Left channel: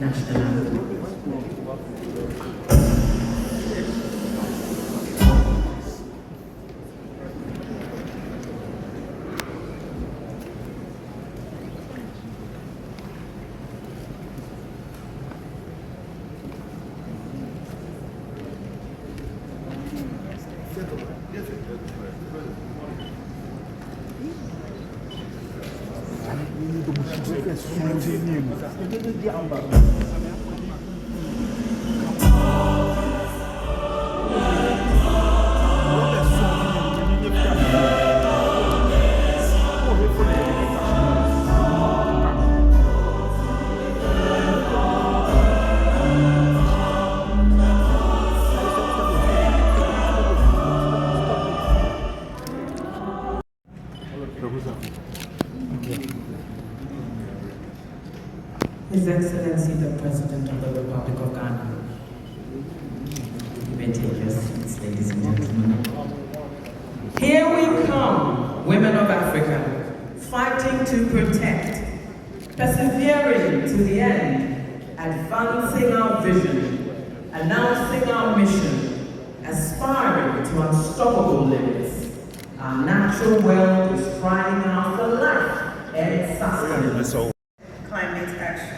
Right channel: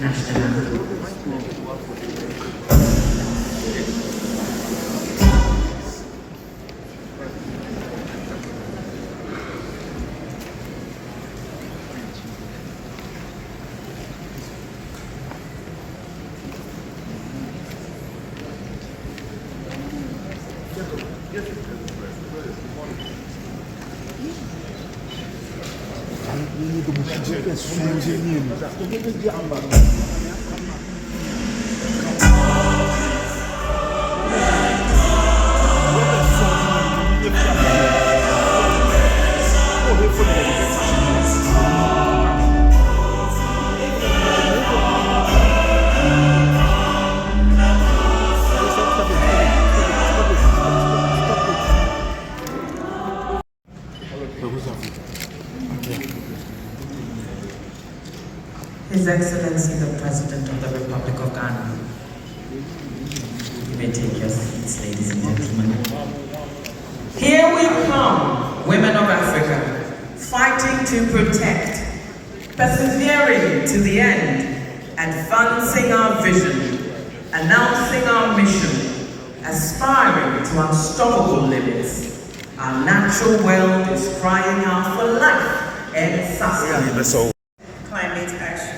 national. His Excellency the President of the Republic of Ghana. You may take your seats, ladies and gentlemen. Here we come, women of Africa, fighting to protect, persevering to the end, advancing our vision, announcing our mission, aspiring to unstoppable limits. Our natural world is crying out for life and sustenance. Climate action.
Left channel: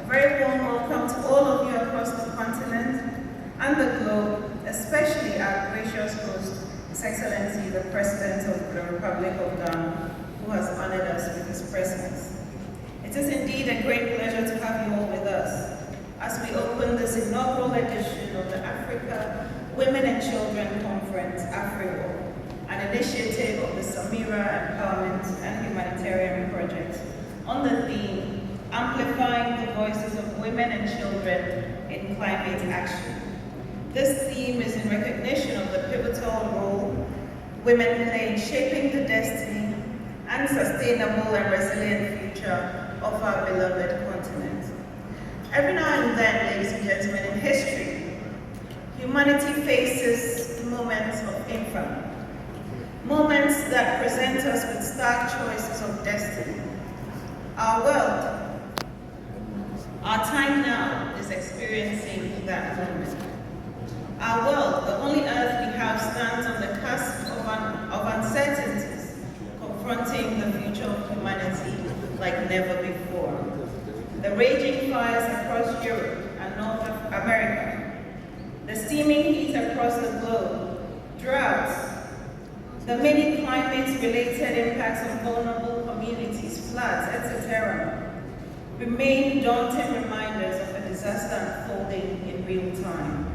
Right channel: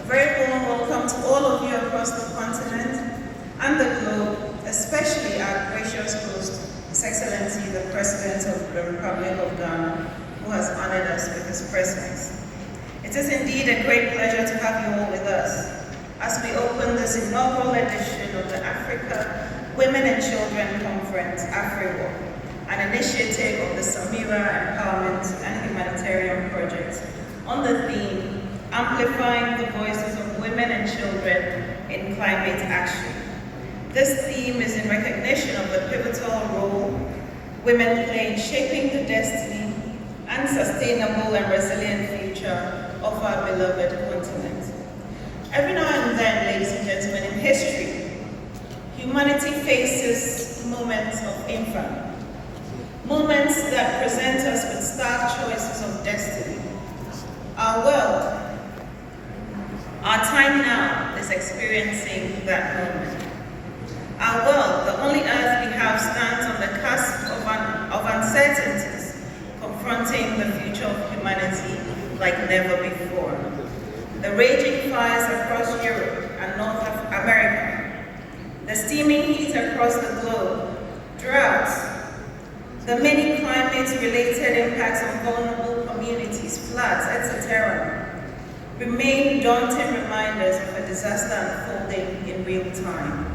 A very warm welcome to all of you across the continent and the globe, especially our gracious host, His Excellency the President of the Republic of Ghana, who has honored us with his presence. It is indeed a great pleasure to have you all with us as we open this inaugural edition of the Africa Women and Children Conference, AfriWalk, an initiative of the Samira Empowerment and Humanitarian Project on the theme, Amplifying the Voices of Women and Children in Climate Action. This theme is in recognition of the pivotal role women play in shaping the destiny and sustainable and resilient future of our beloved continent. Every now and then, ladies and gentlemen, in history, humanity faces moments of infamy, moments that present us with stark choices of destiny. Our world, our time now, is experiencing that moment. Our world, the only earth we have, stands on the cusp of uncertainties, confronting the future of humanity like never before. The raging fires across Europe and North America, the steaming heat across the globe, droughts, the many climate-related impacts on vulnerable communities, floods, etc., remain daunting reminders of a disaster unfolding in real time.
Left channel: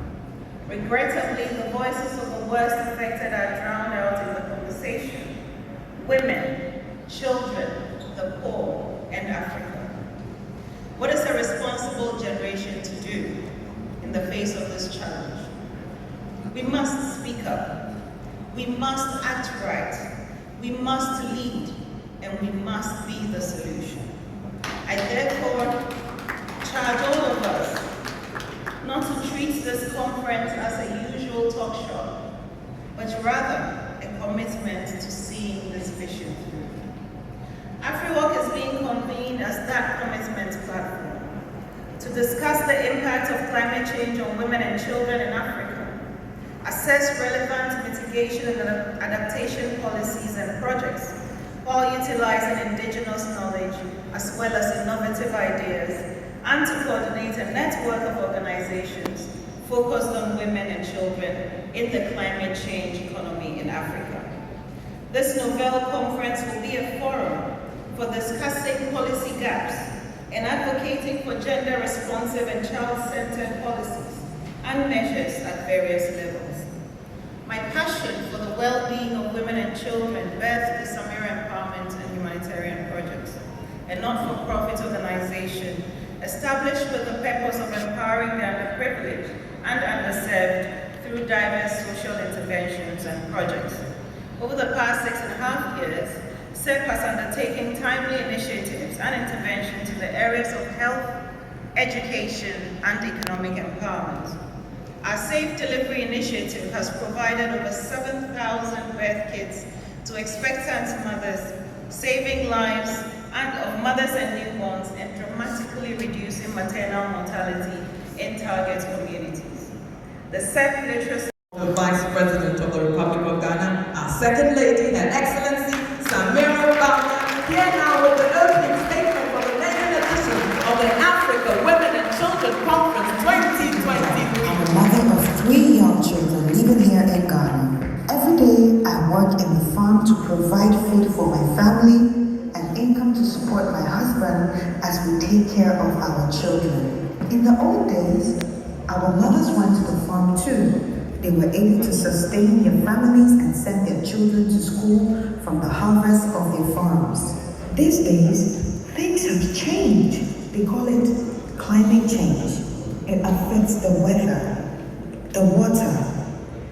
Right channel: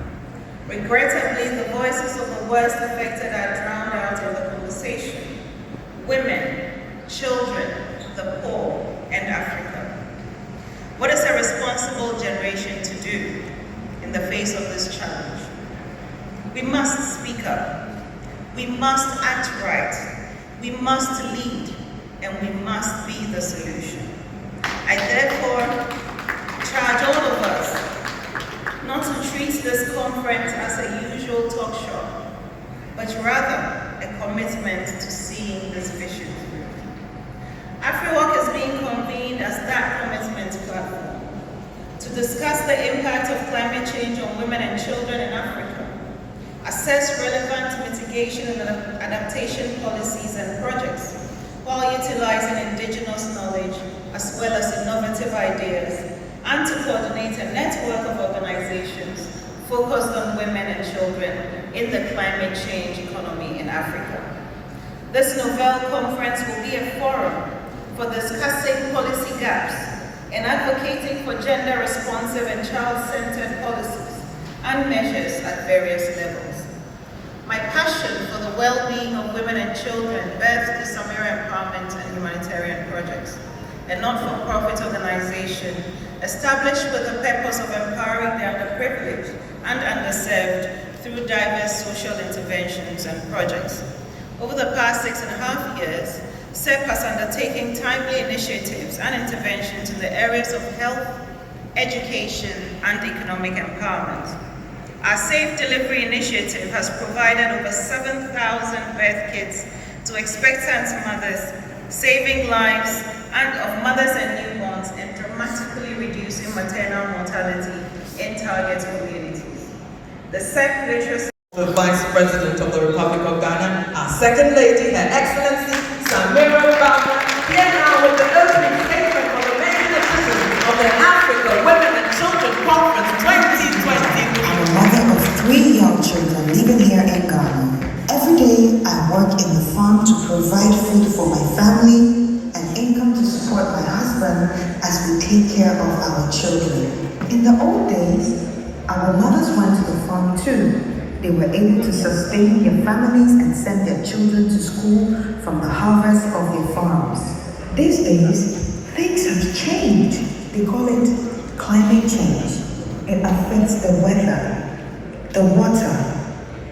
Regrettably, the voices of the worst affected are drowned out in the conversation. Women, children, the poor, and Africa. What is a responsible generation to do in the face of this challenge? We must speak up. We must act right. We must lead, and we must be the solution. I therefore charge all of us not to treat this conference as a usual talk show, but rather a commitment to seeing this vision through. AfriWalk is being convened as that commitment platform to discuss the impact of climate change on women and children in Africa, assess relevant mitigation and adaptation policies and projects, while utilizing indigenous knowledge as well as innovative ideas, and to coordinate a network of organizations focused on women and children in the climate change economy in Africa. This Nobel conference will be a forum for discussing policy gaps and advocating for gender-responsive and child-centered policies and measures at various levels. My passion for the well-being of women and children birthed the Samira Empowerment and Humanitarian Projects, a not-for-profit organization established with the purpose of empowering the underprivileged and underserved through diverse social interventions and projects. Over the past 6.5 years, SEP has undertaken timely initiatives and interventions in the areas of health, education, and economic empowerment. Our Safe Delivery initiative has provided over 7,000 birth kits to expectant mothers, saving lives of mothers and newborns and dramatically reducing the SEC literacy. The Vice President of the Republic of Ghana, our Second Lady, Her Excellency Samira Bawumia, here now with the opening statement for the main edition of the Africa Women and Children Conference 2023. I'm a mother of 3 young children living here in Ghana. Every day I work in the farm to provide food for my family and income to support my husband as we take care of our children. In the old days, our mothers went to the farm too. They were able to sustain their families and send their children to school from the harvest of their farms. These days, things have changed. They call it climate change. It affects the weather, the water,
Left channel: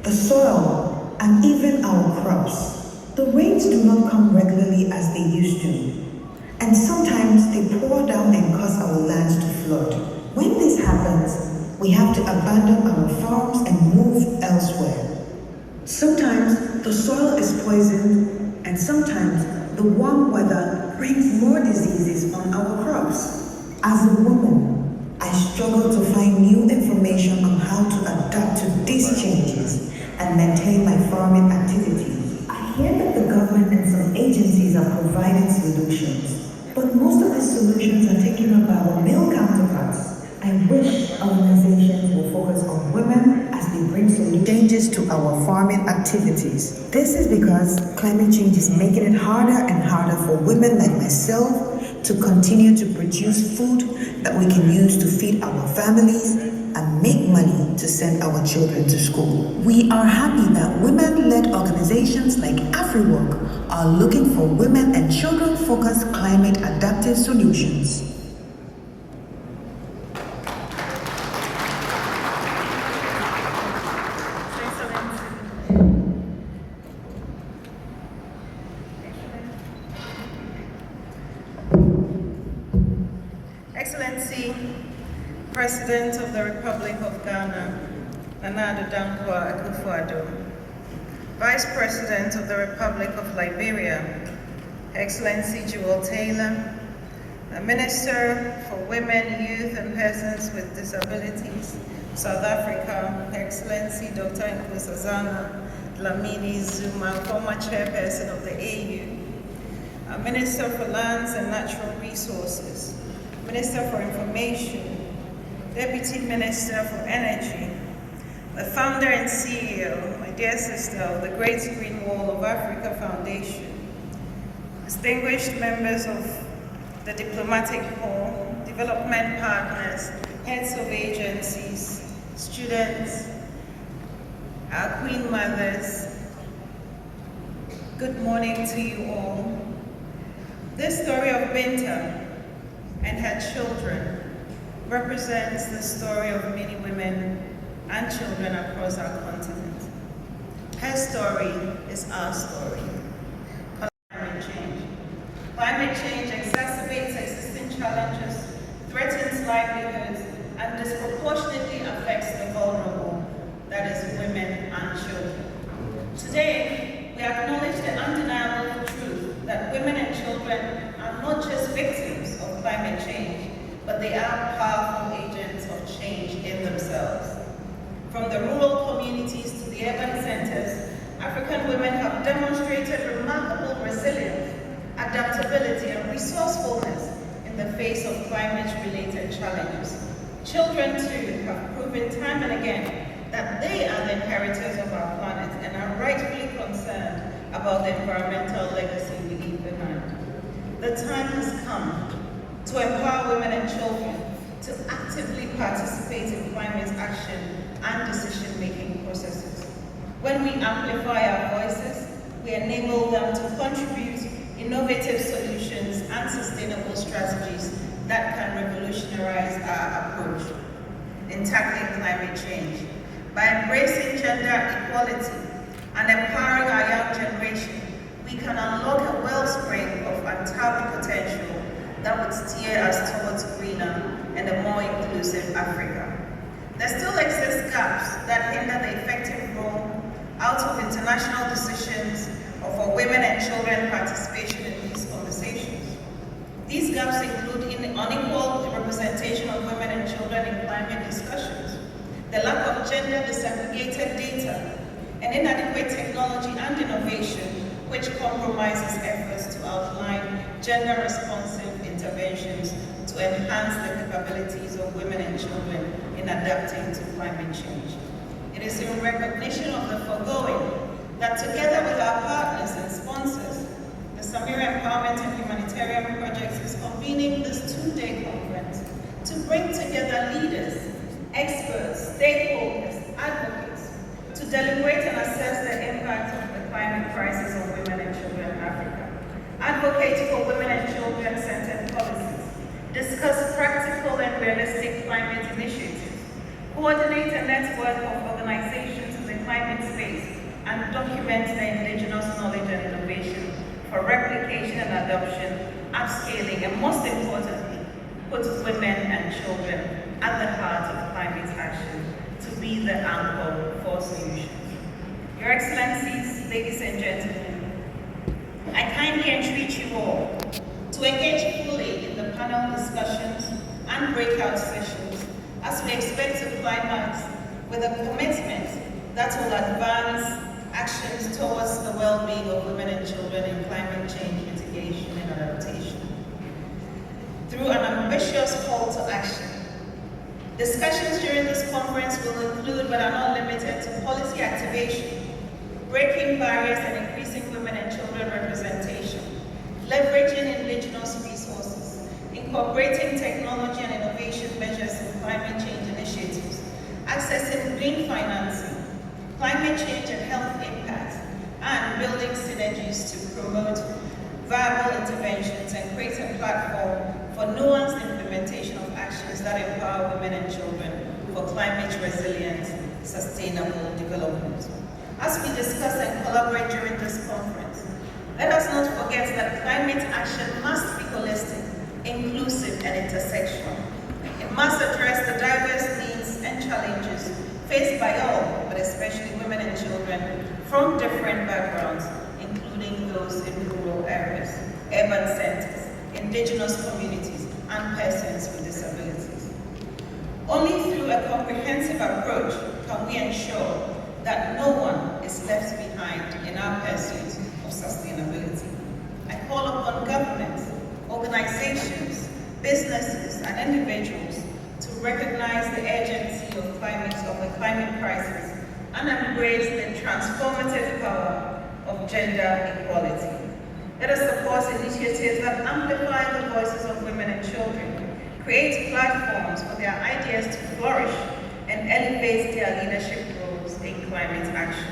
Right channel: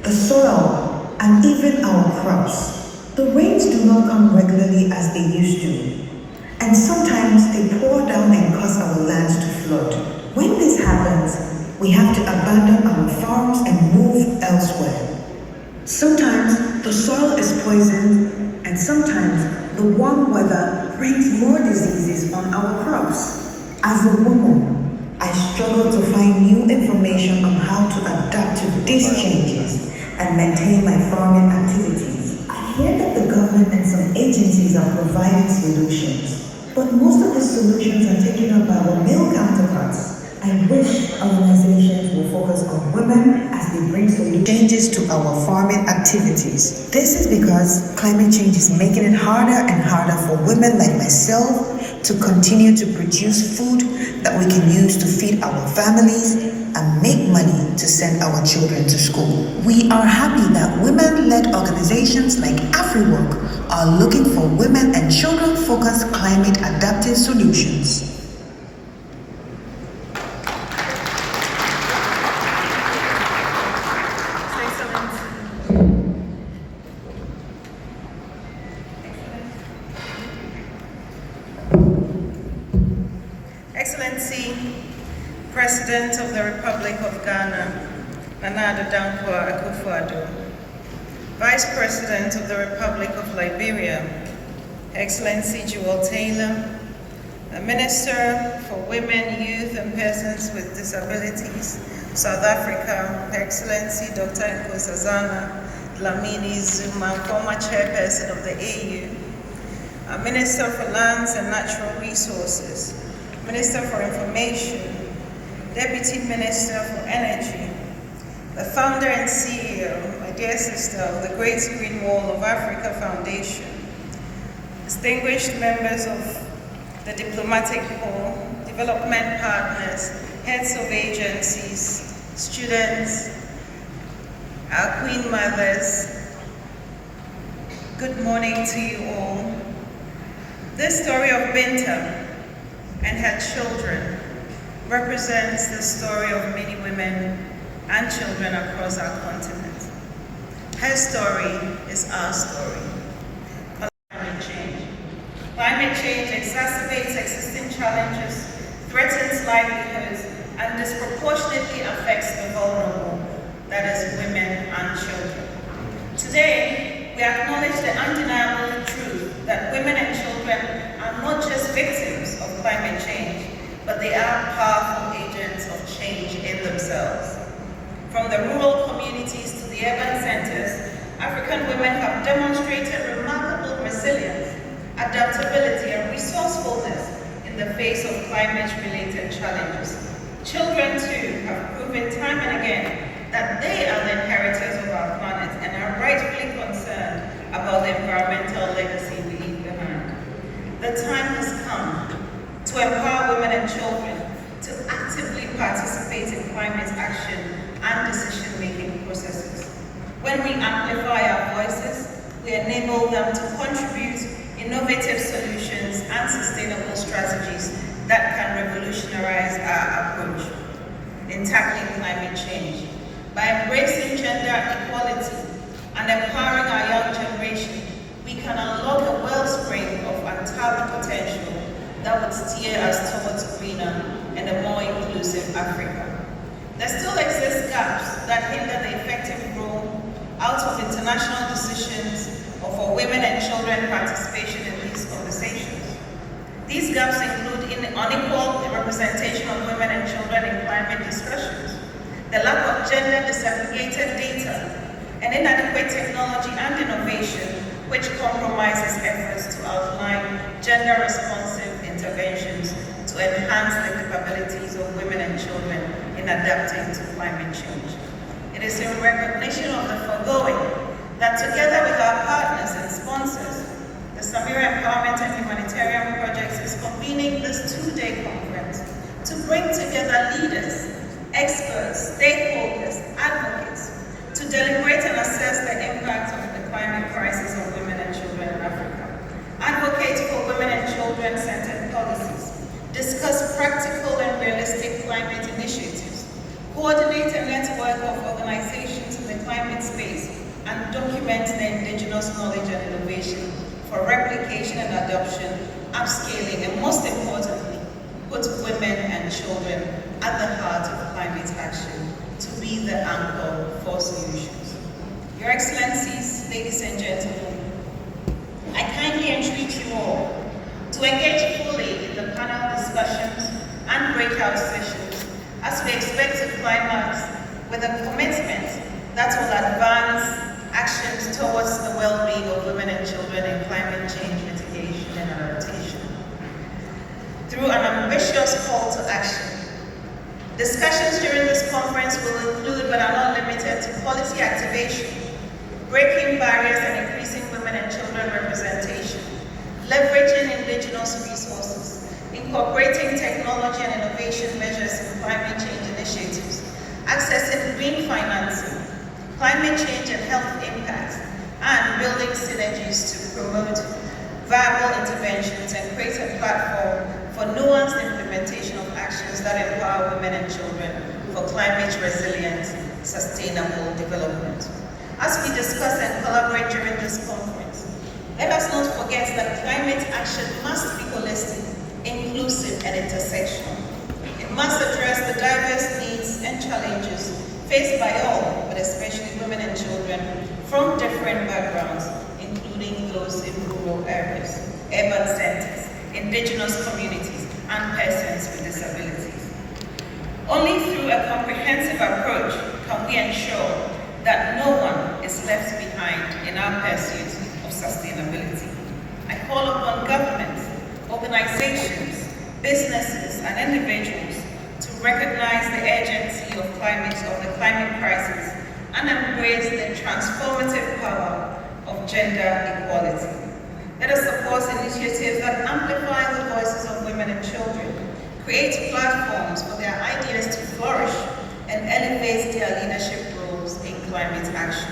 the soil, and even our crops. The rains do not come regularly as they used to. And sometimes they pour down and cause our lands to flood. When this happens, we have to abandon our farms and move elsewhere. Sometimes the soil is poisoned, and sometimes the warm weather brings more diseases on our crops. As a woman, I struggle to find new information on how to adapt to these changes and maintain my farming activities. I hear that the government and some agencies are providing solutions, but most of the solutions are taken up by our male counterparts. I wish organizations will focus on women as they bring changes to our farming activities. This is because climate change is making it harder and harder for women like myself to continue to produce food that we can use to feed our families and make money to send our children to school. We are happy that women-led organizations like AfriWork are looking for women and children-focused climate adaptive solutions. Excellency, President of the Republic of Ghana, Nana Addo, Vice President of the Republic of Liberia, Excellency Jewel Taylor, the Minister for Women, Youth and Persons with Disabilities, South Africa, Excellency Dr. Nkosazana Dlamini Zuma, former Chairperson of the AU, our Minister for Lands and Natural Resources, Minister for Information, Deputy Minister for Energy, the founder and CEO, my dear sister, of the Great Green Wall of Africa Foundation, distinguished members of the diplomatic corps, development partners, heads of agencies, students, our Queen Mothers, good morning to you all. This story of Binta and her children represents the story of many women and children across our continent. Her story is our story. Climate change. Climate change exacerbates existing challenges, threatens livelihoods, and disproportionately affects the vulnerable, that is women and children. Today, we acknowledge the undeniable truth that women and children are not just victims of climate change, but they are powerful agents of change in themselves. From the rural communities to the urban centers, African women have demonstrated remarkable resilience, adaptability, and resourcefulness in the face of climate-related challenges. Children, too, have proven time and again that they are the inheritors of our planet and are rightfully concerned about the environmental legacy we leave behind. The time has come to empower women and children to actively participate in climate action and decision-making processes. When we amplify our voices, we enable them to contribute innovative solutions and sustainable strategies that can revolutionize our approach in tackling climate change. By embracing gender equality and empowering our young generation, we can unlock a wellspring of untapped potential that would steer us towards a greener and a more inclusive Africa. There still exist gaps that hinder the effective role out of international decisions or for women and children participation in these conversations. These gaps include unequal representation of women and children in climate discussions, the lack of of gender disaggregated data and inadequate technology and innovation, which compromises efforts to outline gender-responsive interventions to enhance the capabilities of women and children in adapting to climate change. It is in recognition of the foregoing that together with our partners and sponsors, the Samira Empowerment and Humanitarian Project is convening this two-day conference to bring together leaders, experts, stakeholders, advocates, to deliberate and assess the impact of the climate crisis on women and children in Africa, advocate for women and children-centered policies, discuss practical and realistic climate initiatives, coordinate a network of organizations in the climate space, and document the indigenous knowledge and innovation for replication and adoption, upscaling, and most importantly, put women and children at the heart of climate action to be the anchor for solutions. Your Excellencies, ladies and gentlemen, I kindly entreat you all to engage fully in the panel discussions and breakout sessions as we expect to climax with a commitment that will advance actions towards the well-being of women and children in climate change mitigation and adaptation through an ambitious call to action. Discussions during this conference will include, but are not limited to, policy activation, breaking barriers and increasing women and children representation, leveraging indigenous resources, incorporating technology and innovation measures in climate change initiatives, accessing green financing, climate change and health impact, and building synergies to promote viable interventions and create a platform for nuanced implementation of actions that empower women and children for climate resilient, sustainable development. As we discuss and collaborate during this conference, let us not forget that climate action must be holistic, inclusive, and intersectional. It must address the diverse needs and challenges faced by all, but especially women and children from different backgrounds, including those in rural areas, urban centers, indigenous communities, and persons with disabilities. Only through a comprehensive approach can we ensure that no one is left behind in our pursuit of sustainability. I call upon governments, organizations, businesses, and individuals to recognize the urgency of the climate crisis and embrace the transformative power of gender equality. Let us support initiatives that amplify the voices of women and children, create platforms for their ideas to flourish, and elevate their leadership roles in climate action.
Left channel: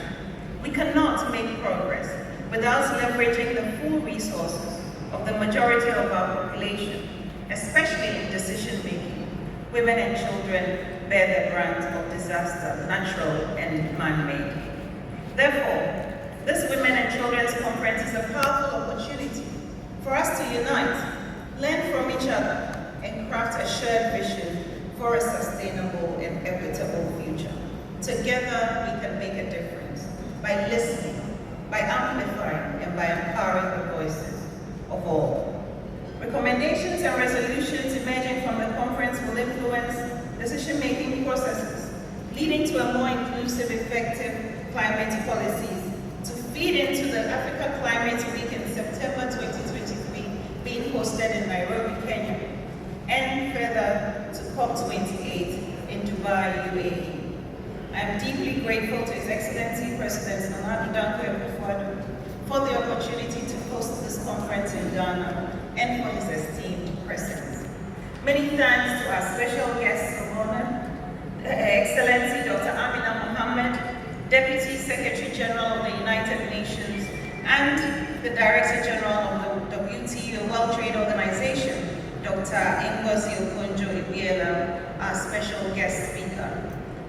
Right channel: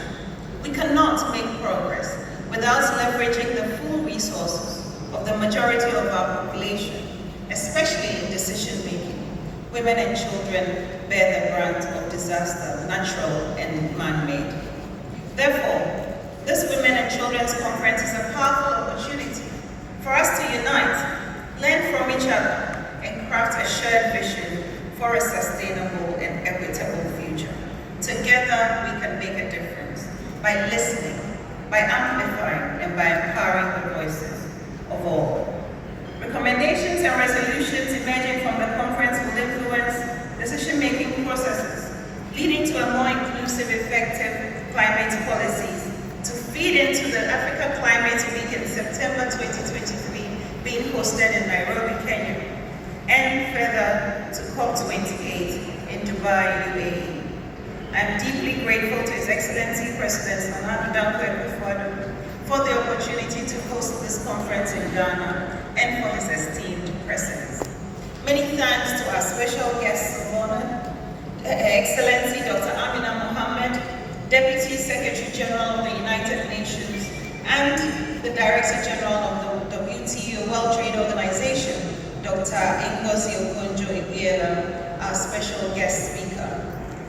We cannot make progress without leveraging the full resources of the majority of our population, especially in decision-making. Women and children bear the brunt of disaster, natural and man-made. Therefore, this Women and Children's Conference is a powerful opportunity for us to unite, learn from each other, and craft a shared vision for a sustainable and equitable future. Together, we can make a difference by listening, by amplifying, and by empowering the voices of all. Recommendations and resolutions emerging from the conference will influence decision-making processes, leading to a more inclusive, effective climate policies to feed into the Africa Climate Week in September 2023 being hosted in Nairobi, Kenya, and further to COP28 in Dubai, UAE. I'm deeply grateful to His Excellency President Nana Addo for the opportunity to host this conference in Ghana and for his esteemed presence. Many thanks to our special guests of honor, Excellency Dr. Amina Mohammed, Deputy Secretary General of the United Nations, and the Director General of the WTO World Trade Organization, Dr. Ngozi Okonjo-Iweala, our special guest speaker.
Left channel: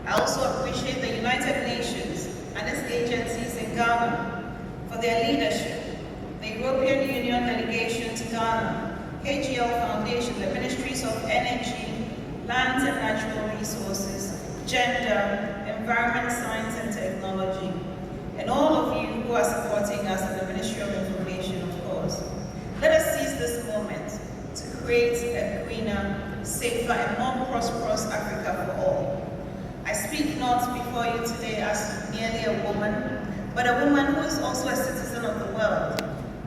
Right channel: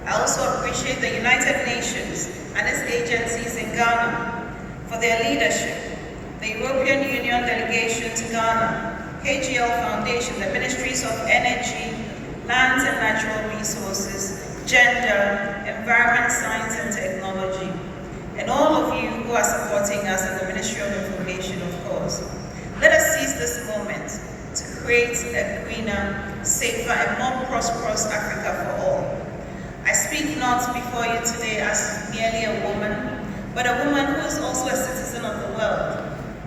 I also appreciate the United Nations and its agencies in Ghana for their leadership, the European Union delegation to Ghana, KGL Foundation, the Ministries of Energy, Lands and Natural Resources, Gender, Environment, Science and Technology, and all of you who are supporting us in the Ministry of Information, of course. Let us seize this moment to create a greener, safer, and more prosperous Africa for all. I speak not not before you today as merely a woman, but a woman who is also a citizen of the world,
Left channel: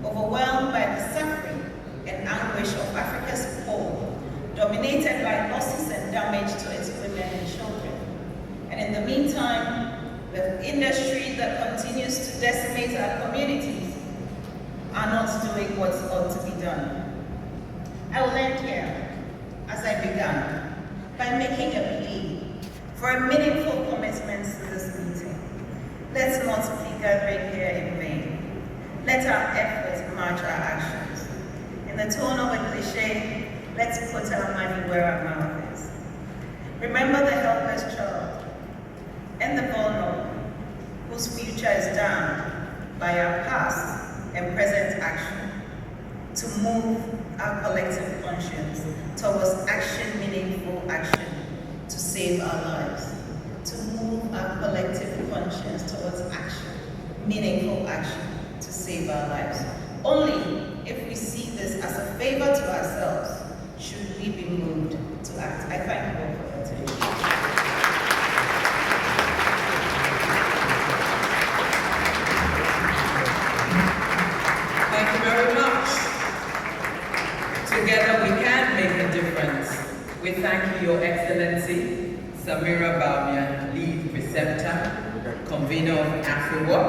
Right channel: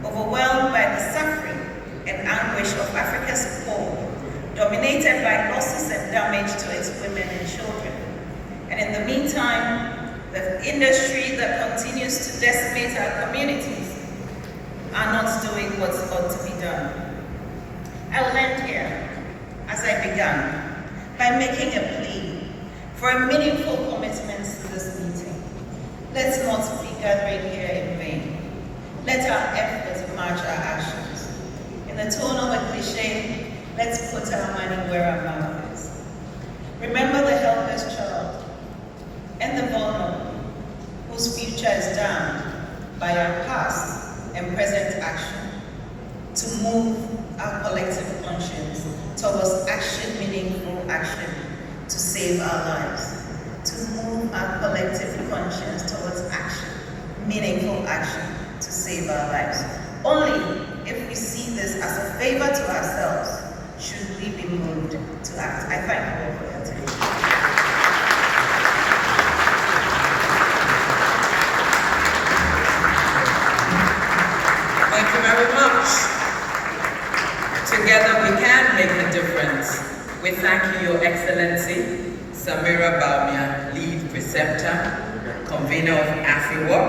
overwhelmed by the suffering and anguish of Africa's poor, dominated by losses and damage to its women and children. And in the meantime, the industry that continues to decimate our communities are not doing what's ought to be done. I will end here, as I began, by making a plea for a meaningful commitment to this meeting. Let's not be gathering here in vain. Let our efforts match our actions. In the tone of a cliche, let's put our money where our mouth is. Remember the helpless child and the vulnerable, whose future is damned by our past and present action, to move our collective conscience towards action, meaningful action, to save our lives. To move our collective conscience towards action, meaningful action, to save our lives. Only if we see this as a favor to ourselves should we be moved to act. I thank you all for your attention. Thank you very much. Together we can make a difference. We thank you, Your Excellency, Samira Bawumia, Lead Preceptor, Convener of AfriWork.